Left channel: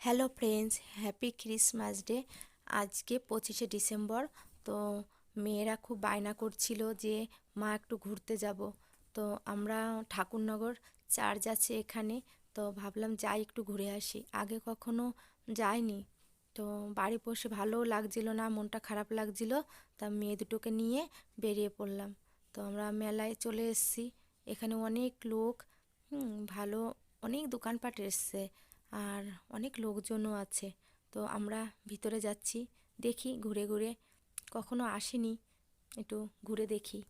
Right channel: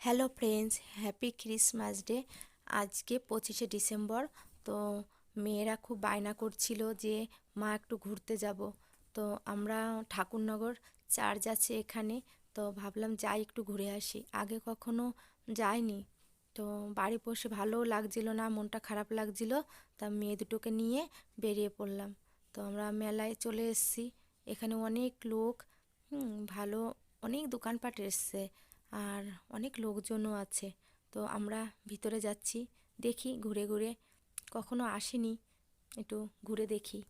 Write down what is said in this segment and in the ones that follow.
Hello friends happy Christmas day আজকে পঁচিশে December তো মেয়েরা খুব বায়না করছিল যে মা একটু ঘুরতে যাব। তো আমরা ঠাকুরনগর চার্চ আছে এখানে, তো ভাবলাম যাই একটু ঘুরে আসি। আগে কখনো যাইনি। তো বাড়ি বসে ভালোও লাগছিল না, মনটা খারাপ লাগছিল। তা মেয়ে দুটোকে নিয়ে বেরিয়ে পড়লাম। তো আমরা মেলায় চলে এসেছি। এখানে অনেক লোক ভালো, অনেক দোকানপাট এসছে আর অনেক লোকজনও আছে। তো আমরা ভিতরে যাচ্ছি, দেখি, ঘুরে ঘুরে। কখনো আসিনি, একটু ঘুরে দেখি।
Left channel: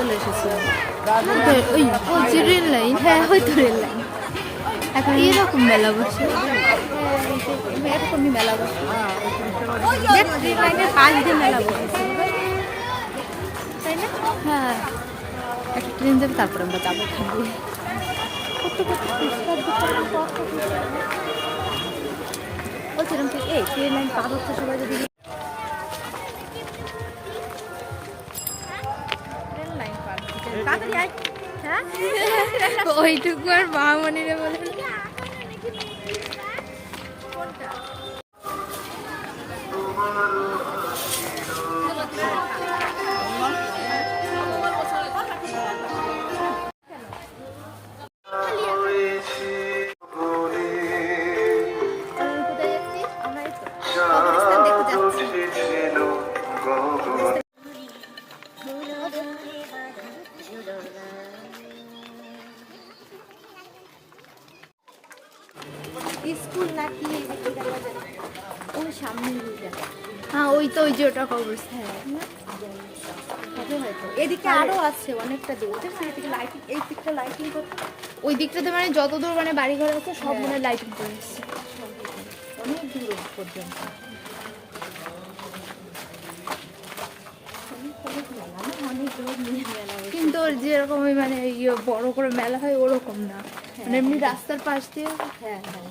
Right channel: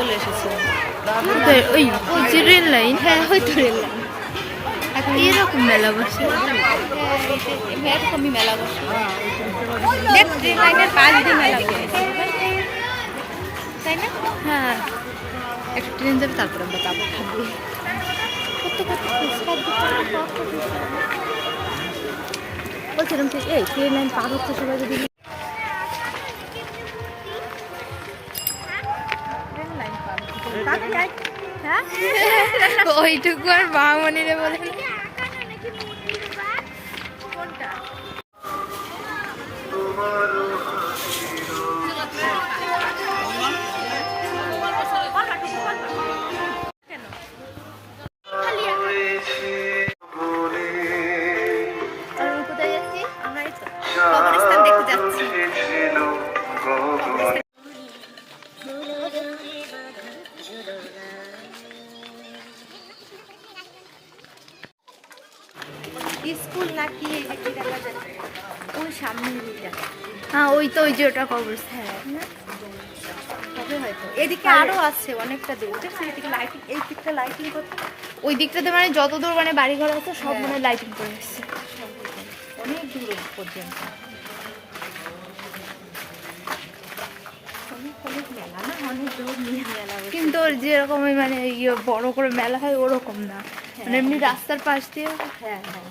চলে এসেছি। ওই ওই যে রেল লাইন। হ্যাঁ ওই তো রেল লাইন। এখন এরকম মেলা বসে। হ্যাঁ। এরকমই মেলা বসে রেল লাইনের পাশ দিয়ে মেলা তাই না হ্যাঁ একটা ট্রেন যাবে তারপরে আমরা যাব খাব কত কত ফুচকার দোকান বলছিলাম যে এই ট্রেন লাইন পার হচ্ছে সবাই যদি ওইটুকু আর বামনিরে বলেন। আমরা স্কুল নাকি এই যে কি দেখা যায়? ওই সামনে হ্যাঁ ওই তো ওই যে ওটা কবরস্থান হবে হয়তো। এদিকে আরও আছে অনেকটা দূর। এদিকে লাইটিং এই দিকটা লাইটিং করতে ওই দিকটাতে মানে যত দূর মানে বাড়ি ঘর আছে সব মানে লাইটিং করে এসছে অনেক দূর পর্যন্ত। কিন্তু যেরকম মানে ইয়ে বড় করে মেলা হয় ওরকম না। মানে এমনি রাস্তার পাশ দিয়ে হ্যাঁ হ্যাঁ।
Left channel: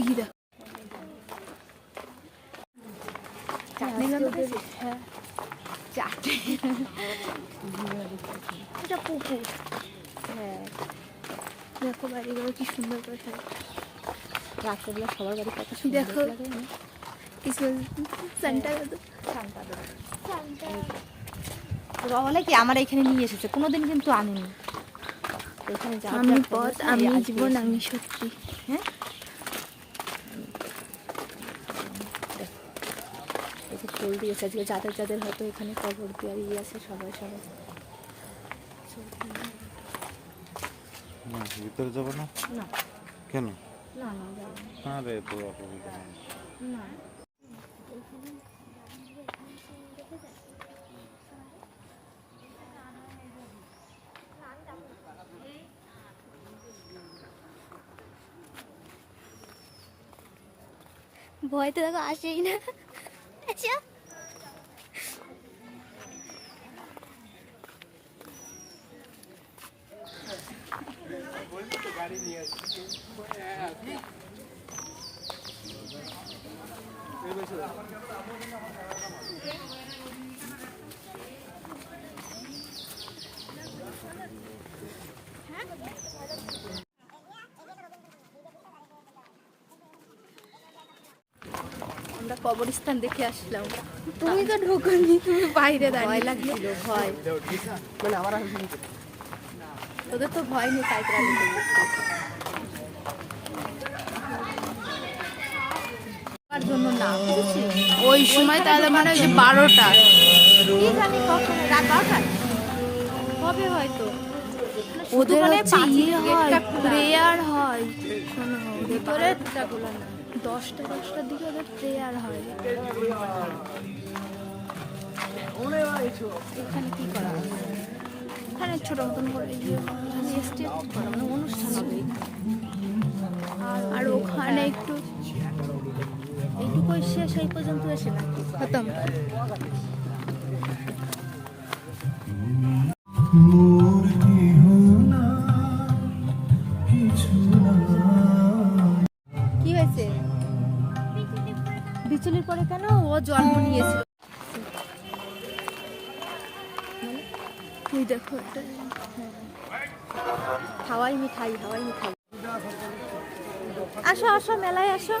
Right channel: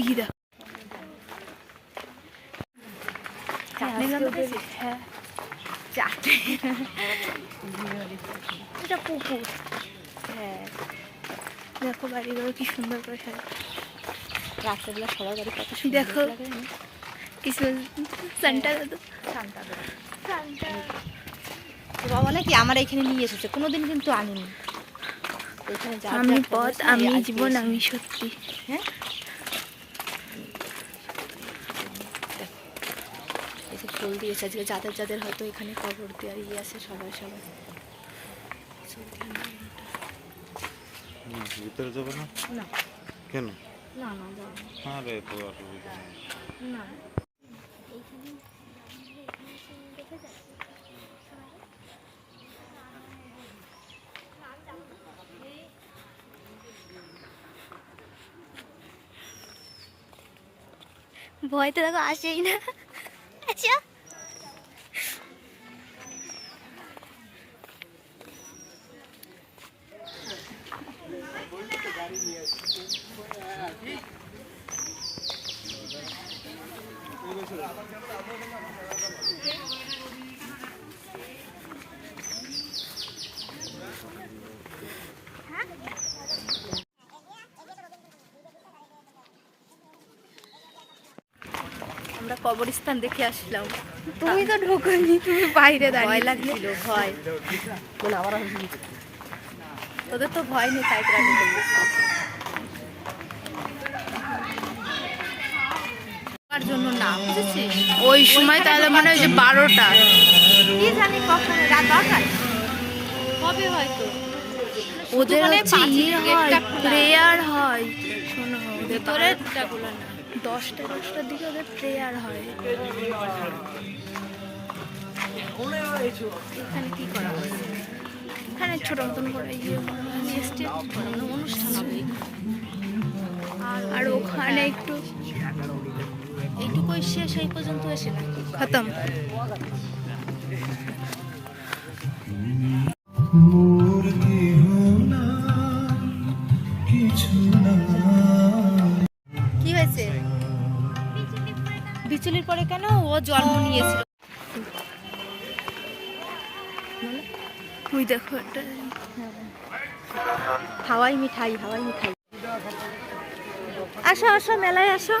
ই দেখ চাটনি গন্ধ পেয়েছিস? চাটনি এটা পুকুর হ্যাঁ দেখো বাড়িগুলো কি সুন্দর করে সাজানো। রাত্রেবেলা সবার বাড়ি কত দেখো। লাগে কিছু সান্টা বলে আমার এখানে নিয়ে এসেছে কোনোদিন কিন্তু আনিনি আমি পথ আমি জীবন আমি সত্যি হ্যাঁ ফুল দিয়েছে আজকে যাদের যাদের হয়তো এখানে কবর দেওয়ার ইয়ে আছে সবাই সবাই। ভিতরে যাবে না? না। কেন? না না যাব না। আরে তো অসুবিধা না। ভয় তো দেখো আসেই না। আমরা কবরস্থান দেখে আসলাম। তুমি তো ঢোকনি তুমি বাইরে ভয় লাগছিল ভয়। তোদের তো ভয় নেই তাই তোরা জন্য না বুঝেছিস? ওই সময় তাহলে মনে হয় যে বারোটা। কি জানি কখন রাত দশটায় হবে হয়তো ওদের মানে হচ্ছে ইয়ে হয় প্রেয়ার হয়। শোনো ওদের না। দশটা, দশটার দিকে ওদের প্রেয়ার হয়। এখানে কি করা হয়? এখানে ছোট মতন করে ইয়ে আর ওখানে একটু এইটুকুই শেষ, এই পর্যন্ত এসে খতম। পরে কেন ও জন্ম নিয়েছিল? ওই দেখো একটা হাওয়াই মিঠাই হাওয়াই মিঠাই। আসো আসো মেলায় আসো।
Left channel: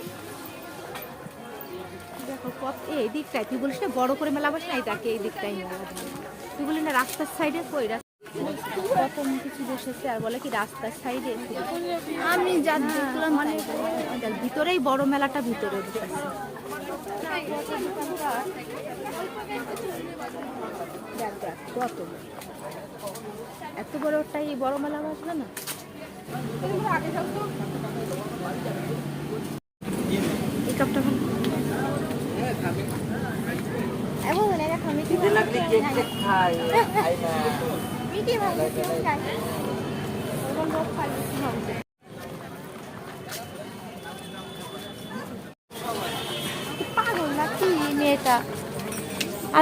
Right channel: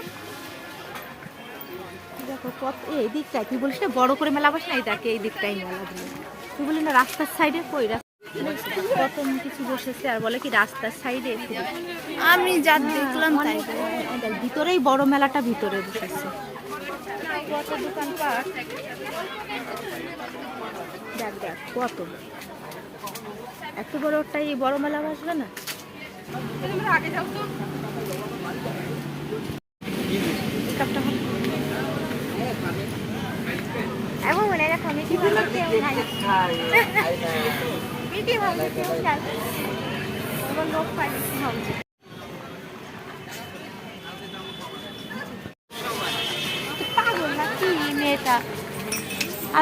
দেখো কত এই দিকটায় তুই বলিস না বড় করে মেলা বসে না এই এই দিকটাই মেলা দিয়ে তুই বলি না রাস্তার সাইডে কই? কিছু বসেছে আর বলে কি রাস্তার সাইডে? আমি যা দেখলাম তাই ভিতরেই বড় মেলাটা ভিতরে বসেছে কত দোকানপাট দেখ দেখ কত এত বড় ওটাই বড় মেলা বসবে না? এই কাপটা ফেল। এখন মনে মিঠি ভালো কেউ নাই মিঠি ভালো কেউ নাই লোক পাঠিয়েছে ভাবছে।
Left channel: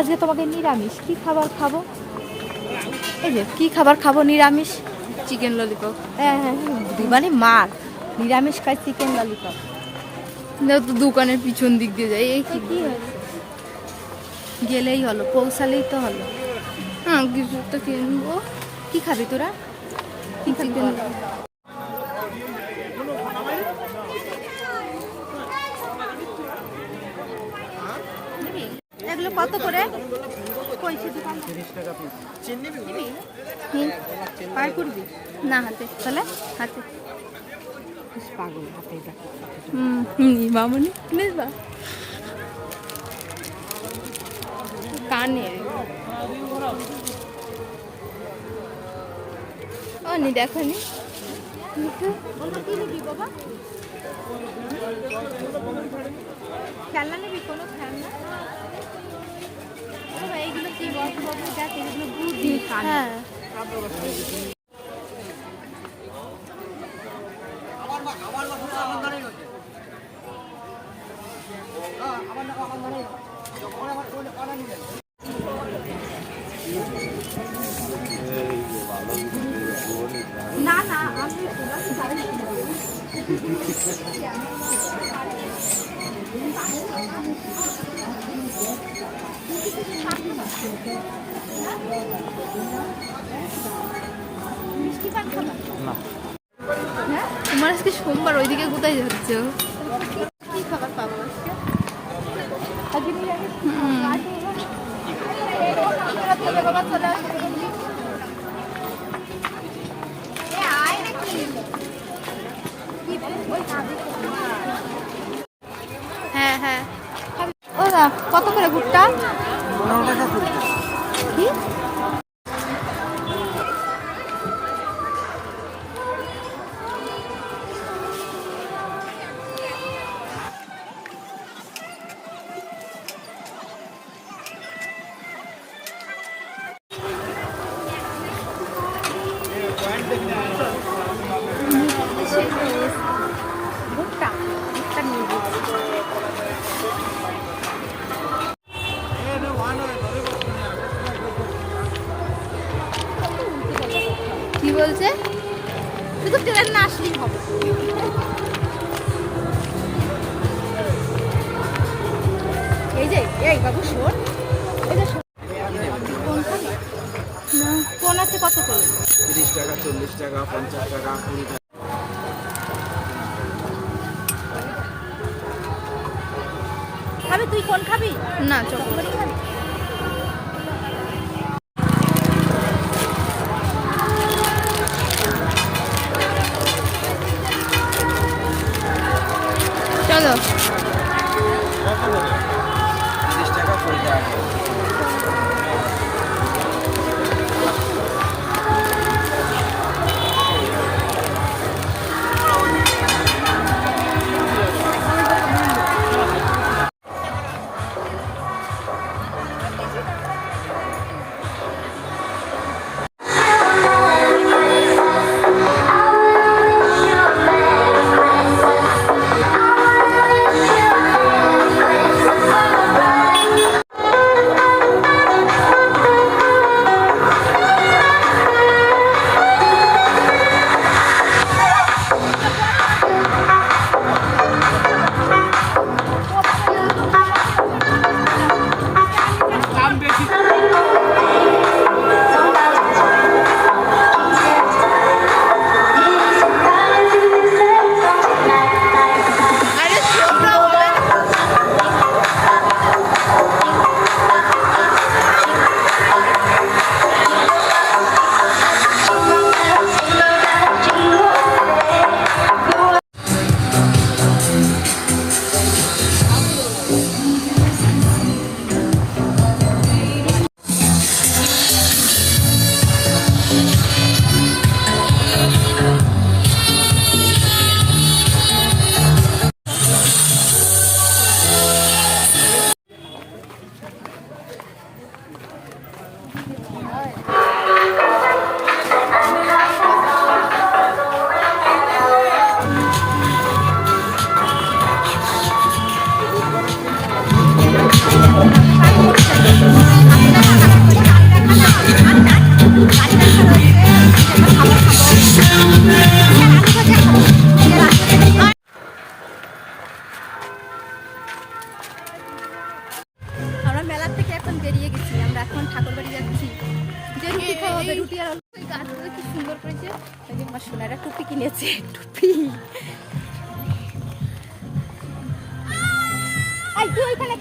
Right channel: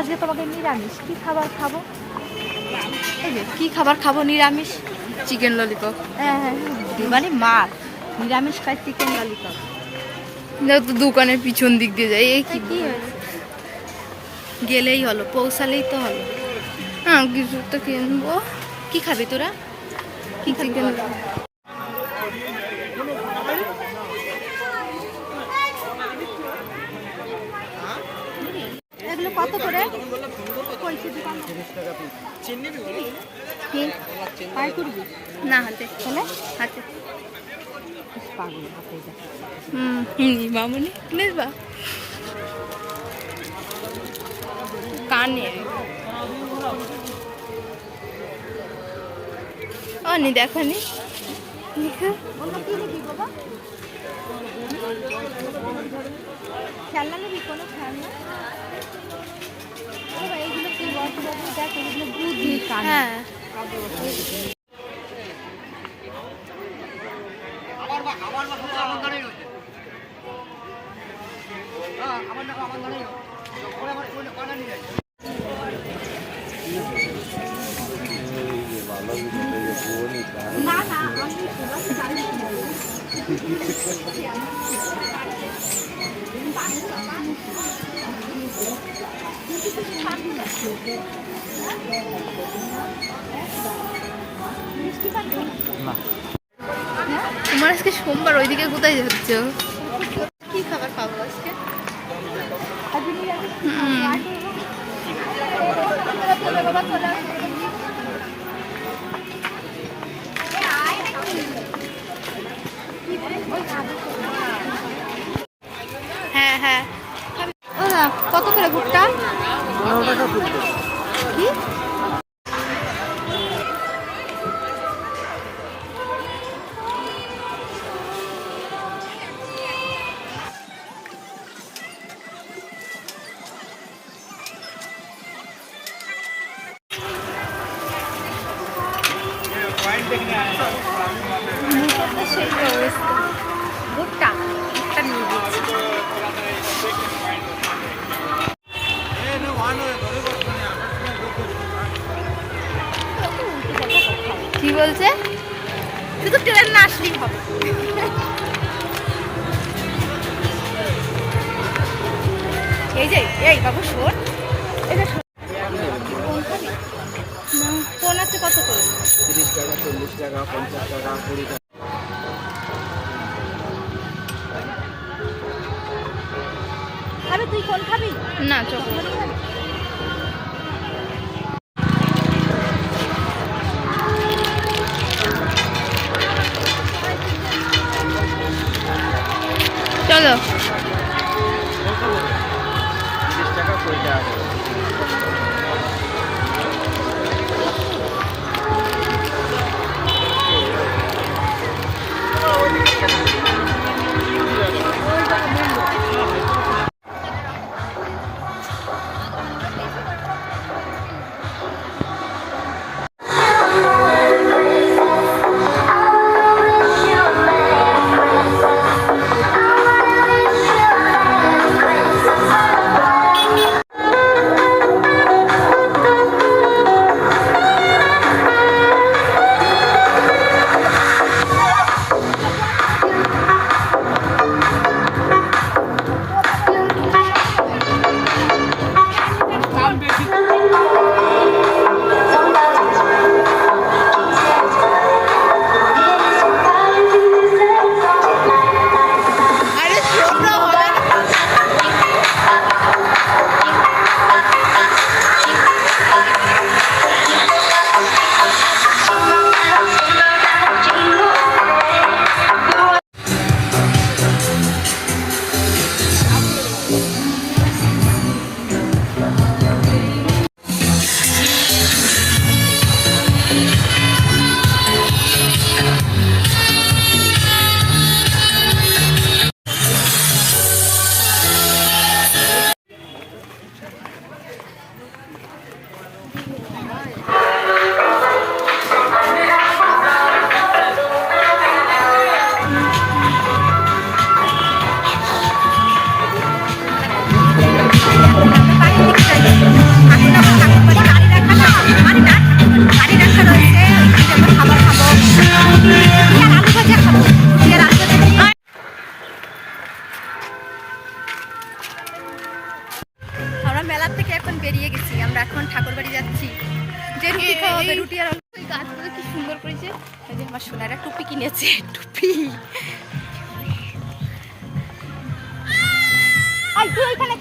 আজকে তোমাকে নিরামিষ। কি খাবার খাব? এই যে কি খাবার খাব নিরামিষ? চিকেন ললিপপ হ্যাঁ হ্যাঁ মানে মার নিরামিষ খায় চিকেন ললিপপ তো দোকানের পিছন দিক দিয়ে যায় এই কি গেলেই হলো পৌঁছালেই তো হলো। হ্যাঁ কিছু তো কিনবো। কি খাবি তোরা? কি খাবি চিকেন কত করে? না হাতে। তাহলে হাতে। পাগল হাতে মামনি নিসবা কানের ও নি দেখো নি। খেলনা নিবি কোনো? খেলনা হ্যাঁ। না না আমি তোমার আজকে সোমবার ওইদিকে কোথায় যাচ্ছ? হ্যাঁ হ্যাঁ। খাবি? তুই কোন খাবি? না চকলেট। খাবি?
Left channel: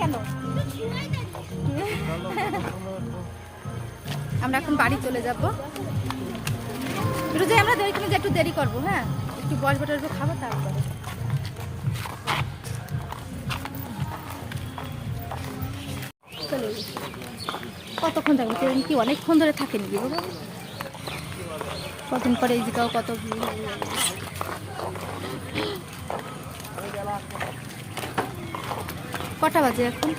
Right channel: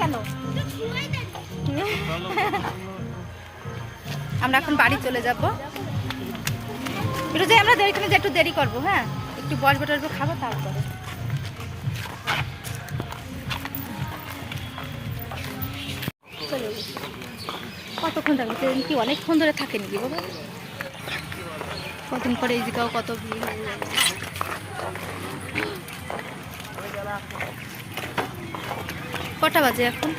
কেন? আমরা এখন বাড়ি চলে যাব। একটু আমরা যে একটু দেরি করব হ্যাঁ? একটু বসবো টসবো খাব তারপরে। কতক্ষণ থাকবে ট্রেন কি, অনেকক্ষণ ধরে থাকে নাকি কতক্ষণ পরে এই জায়গাও কত ভিড় হয়ে যাবে কটা বাজে এখন?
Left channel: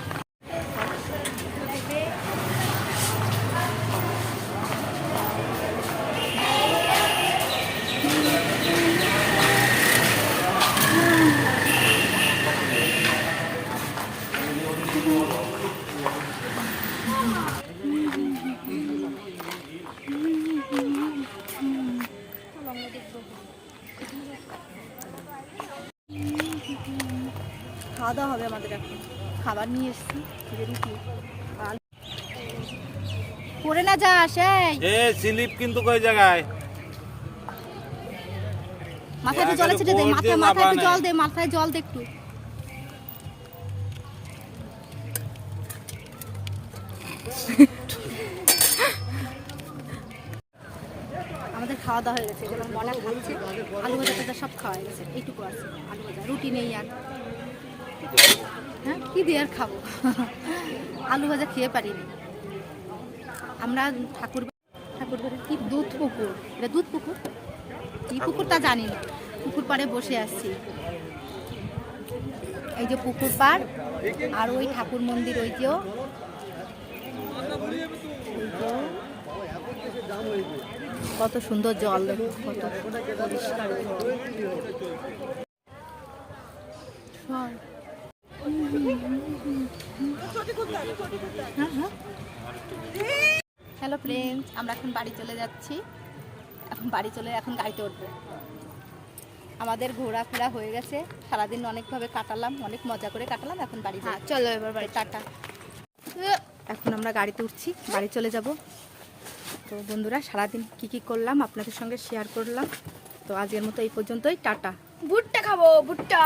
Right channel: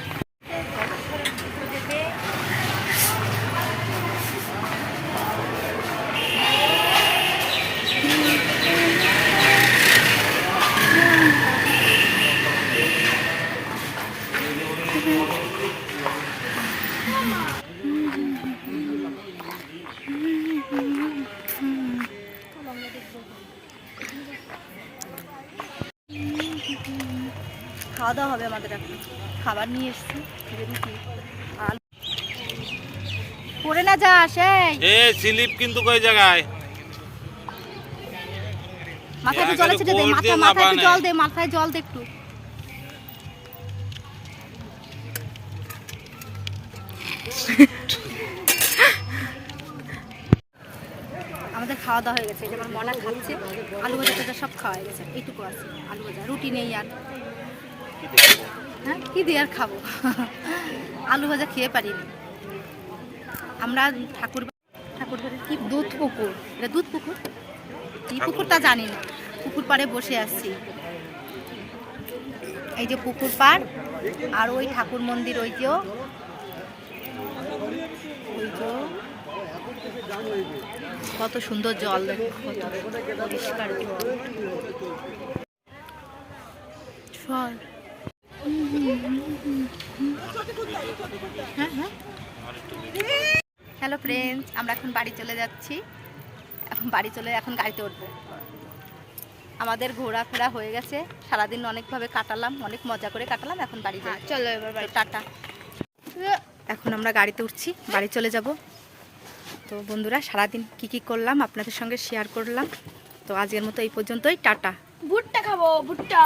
খাওয়া দাওয়া হবে আমাদের এখন। খাবার নিয়ে এসছি যে রুটি আলু পড়ে না যাস এই এ স্লিপ কিন্তু কই জায়গায়? মাথায় জল ছেড়ে দে মাথা মাথায় জল দে মাথায় জল দে একটু। আমাদের খাওয়া দাওয়া হয়ে গেছে যেমন মনা খাচ্ছে আলু ভাজা সব খাওয়া হয়ে গেছে এইটুকু আছে আলু ভাজা রুটি নেই আর। হ্যাঁ কী দিয়ে আর খাব? আলু ভাজা খেয়ে পারিনি। আমরা ঠাকুর ঠাকুর বাড়ির কি? দুধ পুকুর। এটা দুধ পুকুর? কি পুকুর তা জানি না। পুকুর পাড়ে বসে আসছি এই যে পুকুর পাড় আর ওই ঠাকুর মন্দির ওই যে ওই যে কত সুন্দর জল দেখো কত পরিষ্কার জল চল হ্যালো ফ্রেন্ডস আমরা এখন বাড়ি চলে যাচ্ছি। এখন বাড়ি চলে এখন গাড়িতে উঠবো। আমাদের ঘোরাফেরা হয়ে গেছে। সারাদিন অনেকভাবে কাটালাম অনেক মজা করে কাটালাম এখন বাড়ি যাই। চলো এবার টাটা। এখন আমরা গাড়িতে উঠছি বাড়ি চলে যাব। তো বন্ধুরা সারাদিন কি কি করলাম আপনাদের সঙ্গে শেয়ার করলাম। তো আজকের মতো এই পর্যন্তই টাটা। ভুট্টা খাব ভুট্টা।